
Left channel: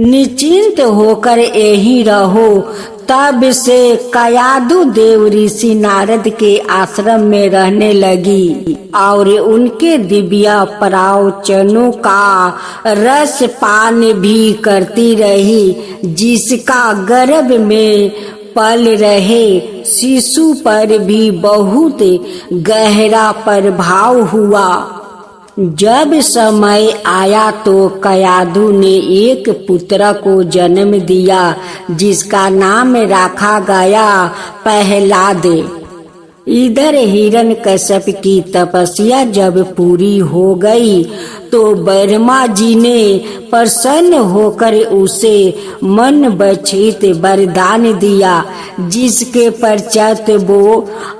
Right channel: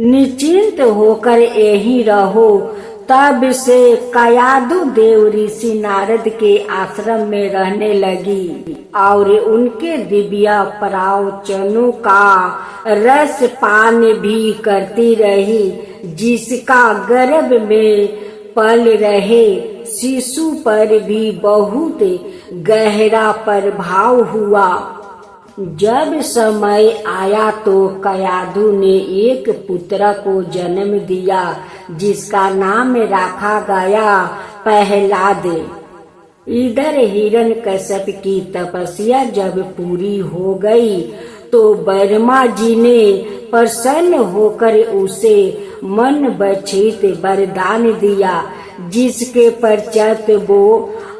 निश्चिंत होकर यहीं रहो। तब से कयाधु देव ऋषि नारद के आश्रम में रहने लगी और उनके दिव्य प्रवचनों का रस पान भी करती रही, जिसका गर्भ में पल रहे शिशु पर भी बहुत गहरा प्रभाव हुआ। जब समय आया तो कयाधु ने एक पुत्र को जन्म दिया, जिसका नाम रखा गया प्रहलाद। इधर हिरण्यकश्यप की तपस्या जब पूरी हो गई तो ब्रह्मा जी ने प्रसन्न होकर उसे मन बछित वरदान दिया, जिसके पश्चात वो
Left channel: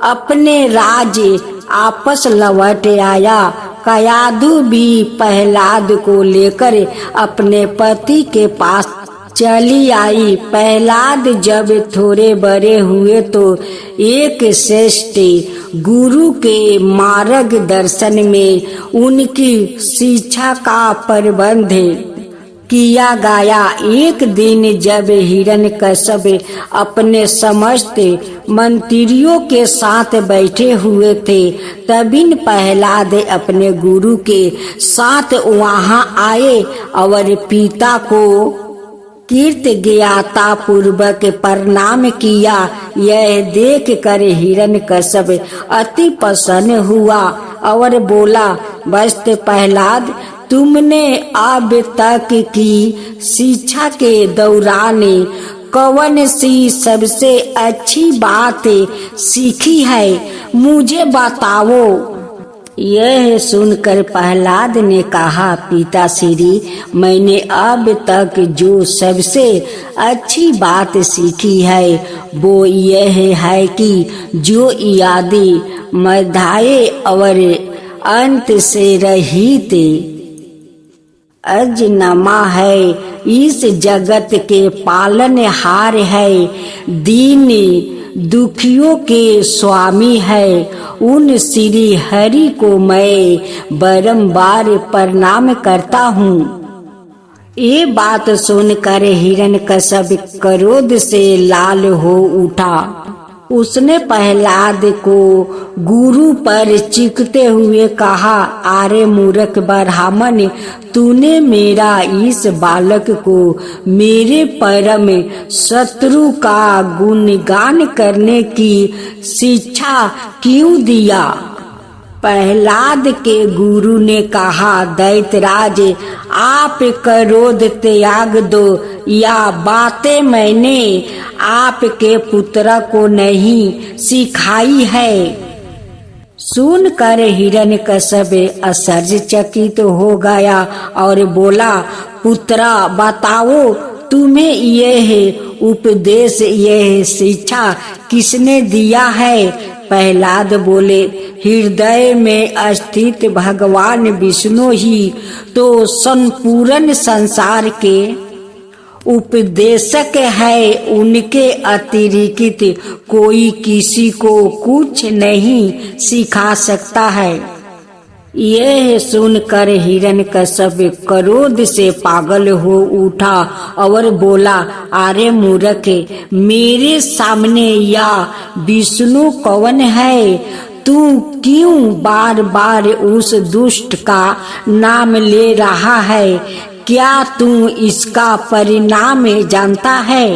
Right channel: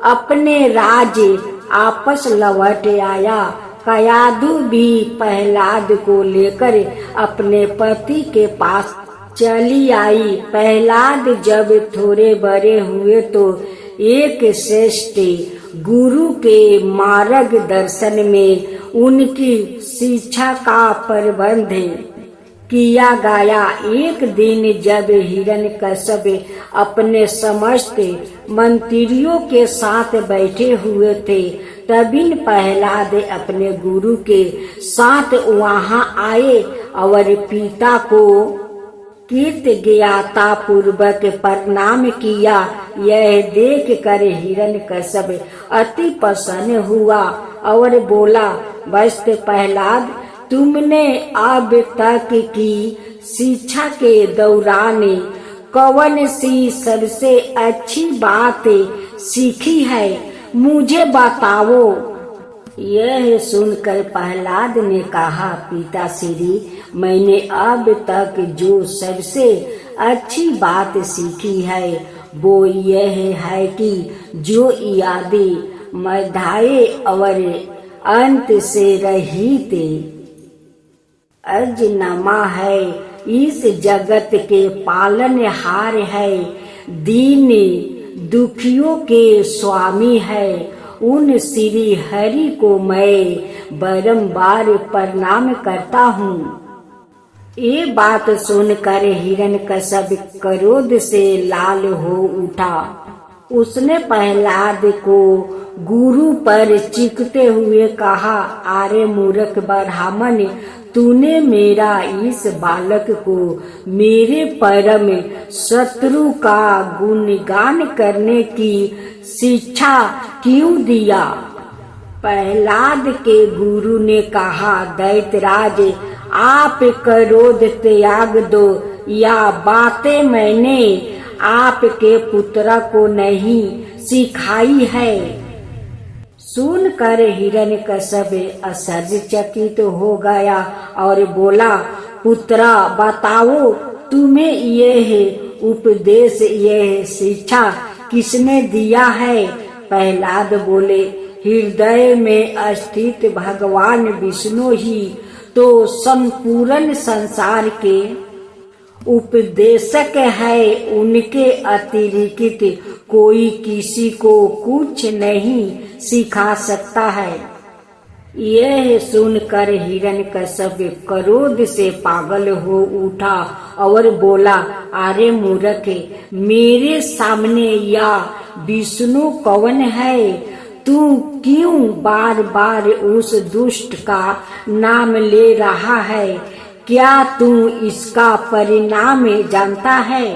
अपने राज्य आपस लौट आया। कयाधु भी प्रहलाद को लेकर अपने पति के पास चली आई। प्रहलाद जब थोड़े बड़े हुए तो एक श्रेष्ठ गुरु के मार्गदर्शन में उनकी शिक्षा का प्रबंध किया गया। एक दिन जब हिरण्यकश्यप अपने समस्त मंत्रियों के साथ बैठे हुए थे, तभी प्रहलाद अपने गुरु के साथ वहां आए और पिता को कृतज्ञता पूर्वक प्रणाम किया। यह देख कर हिरण्यकश्यप अति प्रसन्न हुआ और बोला, वस्त प्रहलाद, तुमने अब तक की शिक्षा के दौरान कौन सी सबसे अच्छी बात सीखी है, मुझे बताओ। यह सुनकर प्रहलाद ने कहा, पिताश्री, मैंने अब तक जो सबसे अच्छी बात सीखी है वो यह है कि जो यादि मध्य और अंत से रहित अजन्मा है, इस जगत के पालनहार है, दीन दुखियों के स्वामी है, उन श्री हरि को मैं बारंबार प्रणाम करता हूँ। ये बात सुनकर हिरण्यकश्यप क्रोध से लाल हो उठा। उसने प्रहलाद को गुरु पर चीखते हुए कहा, अरे मूर्ख ब्राह्मण, तूने मेरा इस बालक को मेरे परम शत्रु का गुणगान करने की शिक्षा क्यों दिया? प्रहलाद के गुरु ने कहा, दैत्यराज, आप क्रोध त्याग दो। या बातें मैंने आपके पुत्र को नहीं सिखाई है। सुनकर हिरण्यकश्यप आश्चर्यचकित हो गया और बोला, पुत्रा, बताओ, तुम्हें यह उपदेश, यह शिक्षा किसने दिया है? प्रहलाद बोले, हृदय में स्थित भगवान विष्णु ही तो संपूर्ण संसार के उपदेशक है, उनके अतिरिक्त कोई किसी को कुछ नहीं सिखा सकता है। यह सुनकर हिरण्यकश्यप क्रोध से पागल हो उठा और बोला, अरे मूर्ख, मेरे सामने या विष्णु कौन है? तू क्यों बार बार उस दुष्ट का नाम ले रहा है? क्या तू इसका परिणाम जानता है?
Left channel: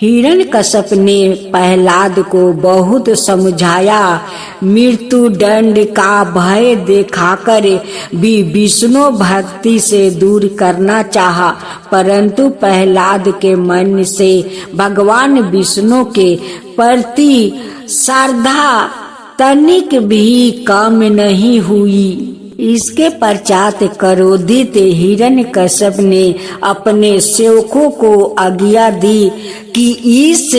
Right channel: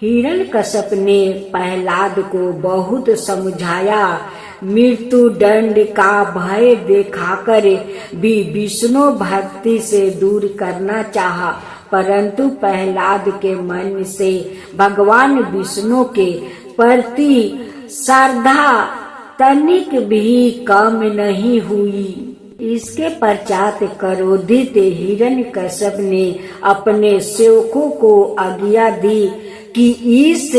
हिरण्यकश्यप ने प्रहलाद को बहुत समझाया, मृत्यु दंड का भय दिखाकर भी विष्णु भक्ति से दूर करना चाहा, परंतु प्रहलाद के मन से भगवान विष्णु के प्रति श्रद्धा तनिक भी कम नहीं हुई। इसके पश्चात क्रोधित हिरण्यकश्यप ने अपने सेवकों को आज्ञा दी कि इस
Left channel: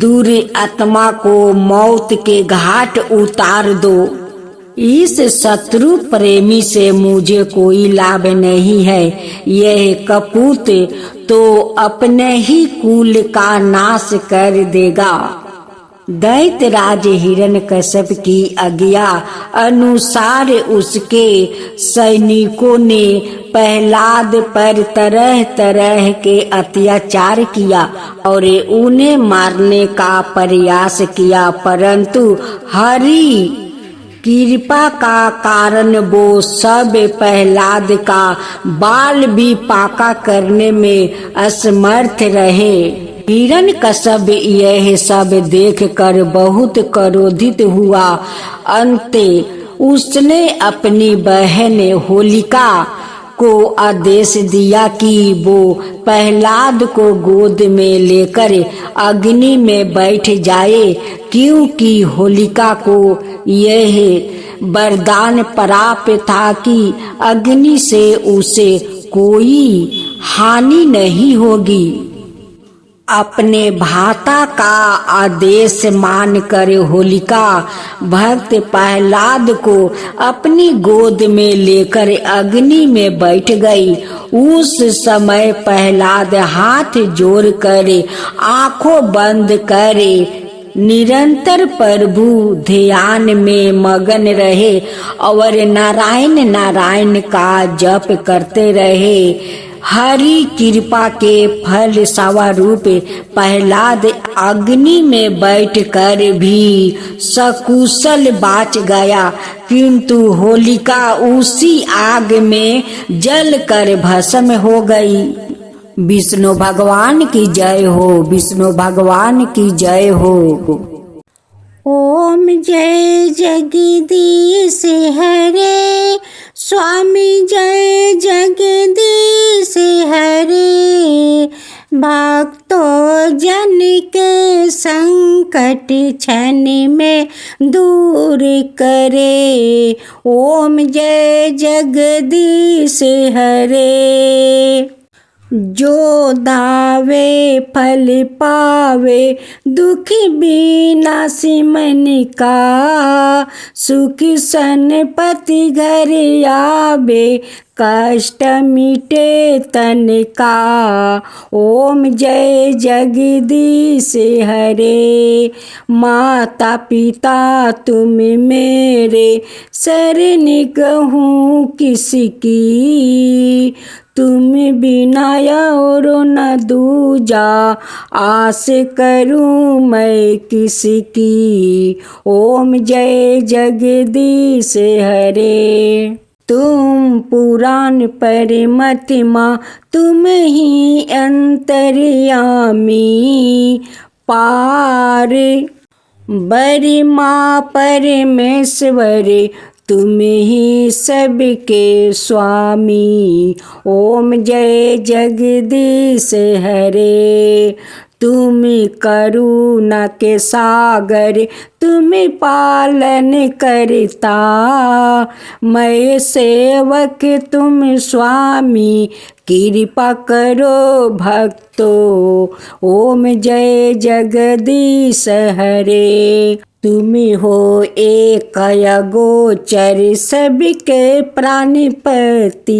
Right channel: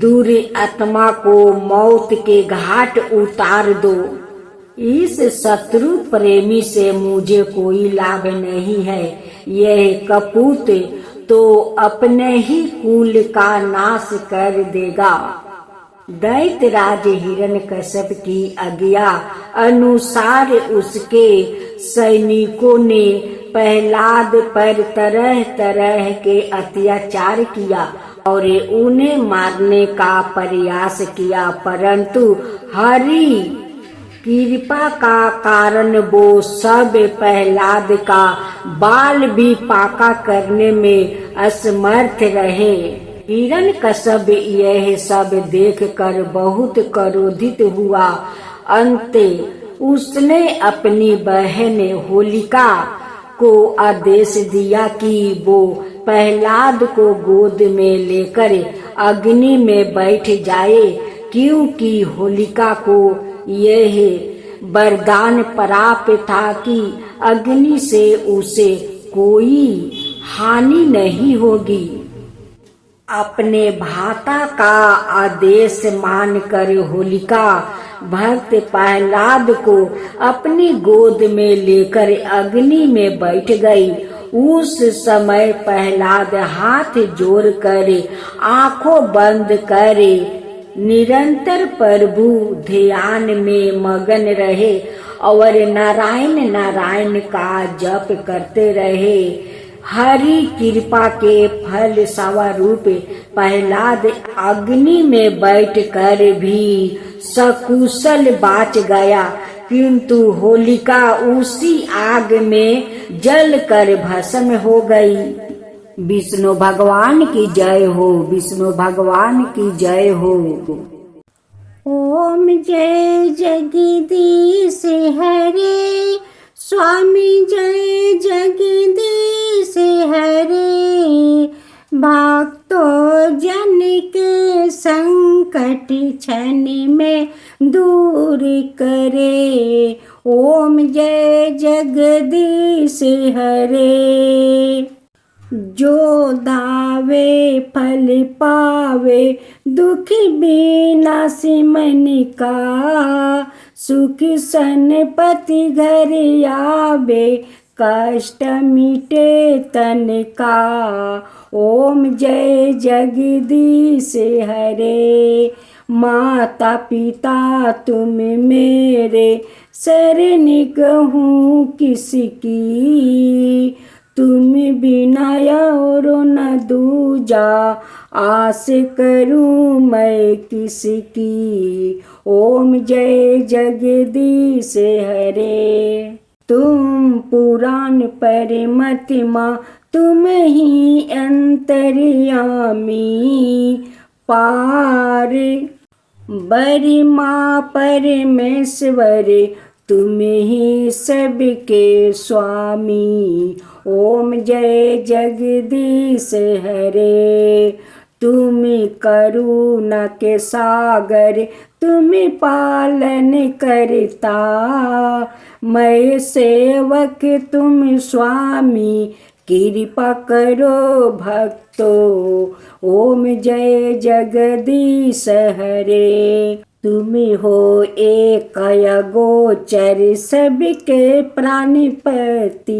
दूर आत्मा को मौत के घाट उतार दो। इस शत्रु प्रेमी से मुझे कोई लाभ नहीं है। यह कपूत तो अपने ही कुल का नाश कर देगा। दैत्यराज हिरण्यकश्यप की आज्ञा अनुसार उसके सैनिकों ने प्रहलाद पर तरह तरह के अत्याचार किया और उन्हें मारने का प्रयास किया, परंतु हरि कृपा का कारण वो सब प्रहलाद का बाल भी पाका करने में असमर्थ रहे। हिरण्यकश्यप यह सब देखकर बहुत क्रोधित हुआ। अंत उसने अपनी बहन होलिका को आदेश दिया कि वो प्रहलाद को गोद में लेकर अग्नि में बैठ जाए, क्योंकि होलिका को यह वरदान प्राप्त था कि अग्नि से उसे कोई हानि नहीं होगी। अपने भ्राता का आदेश मानकर होलिका भक्त प्रहलाद को अपनी गोद में लेकर अग्नि में बैठ गई। उस समय प्रहलाद हाथ जोड़कर आंखों बंद करे निरंतर प्रभु ध्यान में मगन रहे और नारायण नारायण का जप करते रहे। हरि कृपा के फल स्वरूप प्रहलाद अग्नि में बैठकर भी सकुशल बाच गया, किंतु होलिका उसी आग में जलकर भस्म हो गई। विष्णु भगवान की जय हो, विष्णु भगवान की जय हो। ओम जय जगदीश हरे, स्वामी जय जगदीश हरे। भक्तों जन के संकट क्षण में दूर करे। ओम जय जगदीश हरे। जो दावे फल पावे, दुख विनाशी मन का। सुख संपत्ति घर आवे, कष्ट मिटे तन का। ओम जय जगदीश हरे। माता पिता तुम मेरे, शरण कहूँ किसकी। तुम बिना और न दूजा, आस करूं मैं किसकी। ओम जय जगदीश हरे। तुम पुराण परमात्मा, तुम ही अंतर्यामी। पार बरिमा परमेश्वर, तुम ही सबके स्वामी। ओम जय जगदीश हरे। तुम करुणा के सागर, तुम पालन करता। मैं सेवक तुम स्वामी, कृपा करो भक्तों। ओम जय जगदीश हरे। तुम हो एक गोचर, सबके प्राणपति।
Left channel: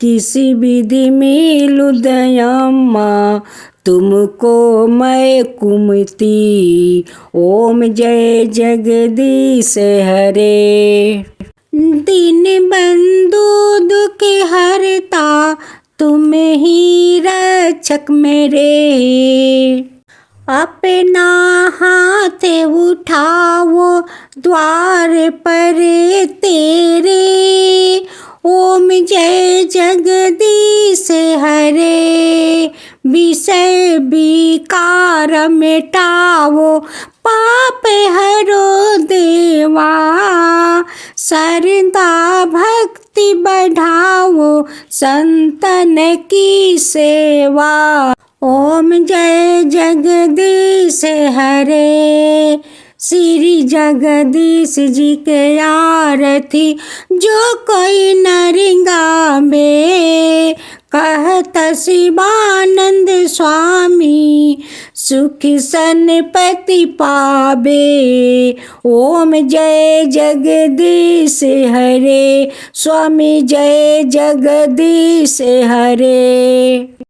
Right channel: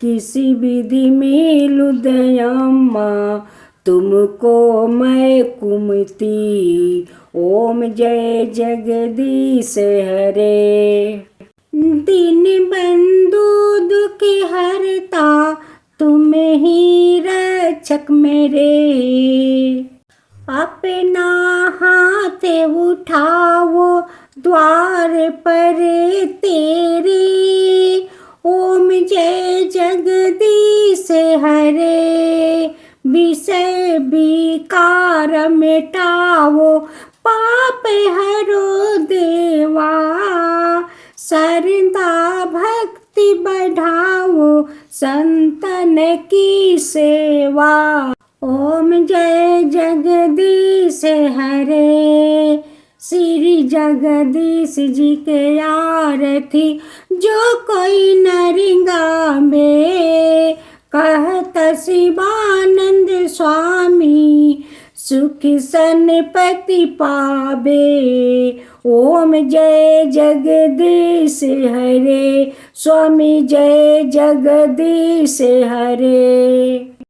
किसी विधि मिलूं दयामा, तुमको मैं कुमति। ओम जय जगदीश हरे। दीन बंधु दुख हरता, तुम ही रक्षक मेरे। अपना हाथ उठाओ द्वार पर तेरे। ओम जय जगदीश हरे। विषय विकार मिटाओ, पाप हरो देवा। श्रद्धा भक्ति बढ़ाओ, संतन की सेवा। ओम जय जगदीश हरे। श्री जगदीश जी के आरती, जो कोई नरिंगा में। कहत शिवानंद स्वामी, सुखी सनपति पावे। ओम जय जगदीश हरे, स्वामी जय जगदीश हरे।